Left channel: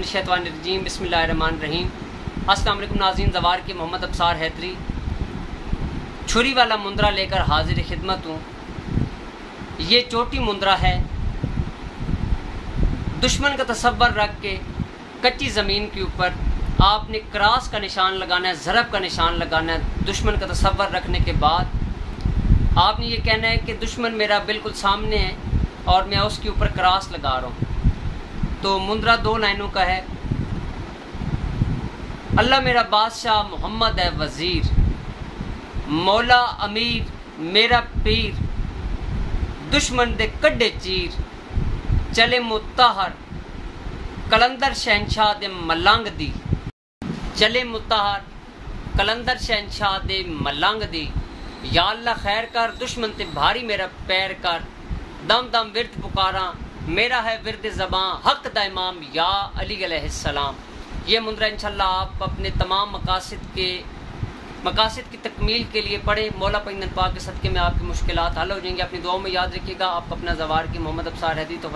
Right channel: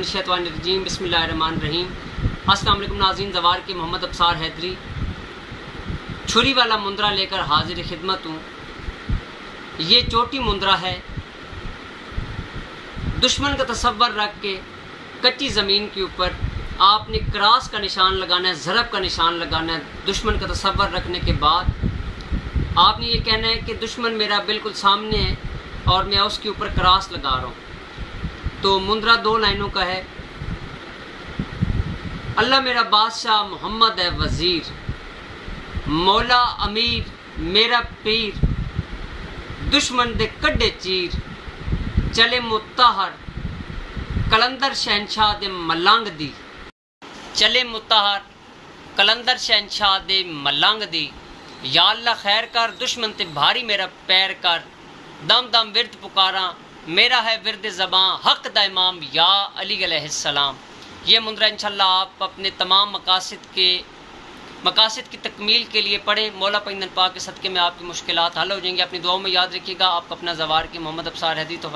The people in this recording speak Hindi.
मिनश्शैतानिर्रजीम बिस्मिल्लाहिर्रहमानिर्रहीम। अस्सलाम वालेकुम नाज़रीन, ज़वार के मोहम्मद अब्सार हैदरी छुरी वाला मुंद्रा लेकर हाजिर खिदमत हूँ। ये चोटी मुंद्रा है। दुश्मन का तसव्वुर रख के कच्ची ज़मीन के ऊपर आपने क्रॉस का निशान लगाना है, ज़रब का निशान लगाना है। दुश्मन का तसव्वुर रखने के बाद आपने ये कहना है कि दुश्मन मेरा बिल्कुल सामने है और मैं उसके ऊपर क्रॉस लगा रहा हूँ। तो मुंद्रा 2 लाइनों का है। अल्लाह मेरा बादशाह, मोहम्मद है वजीर, मौला अमीर मेरा पीर, दुश्मन दे कड्डे चीर, चले मुत्ताहर कलंदर शहनशाह दे मलंग दी, चले मुत्ताहर कलंदर शहनशाह दे मलंग दी। या अल्लाह खैर कर, दुश्मन ते भारी मेरा पैर कर, दम दम विरद पुकारा, मेरा है विरद ज़बां हक दा इमाम या अली अलैहिस्सलाम। ये मुंद्रा इंशाल्लाह आप अपने तमाम मकासिद की तकमील के लिए पढ़े। मौला पैगंबर पाक के सदक़े में आपकी मुश्किलात हल हो जाएंगी। अपनी दुआओं में याद रखिएगा। आपका अपना ज़वार के मोहम्मद अब्सार हैदरी। तो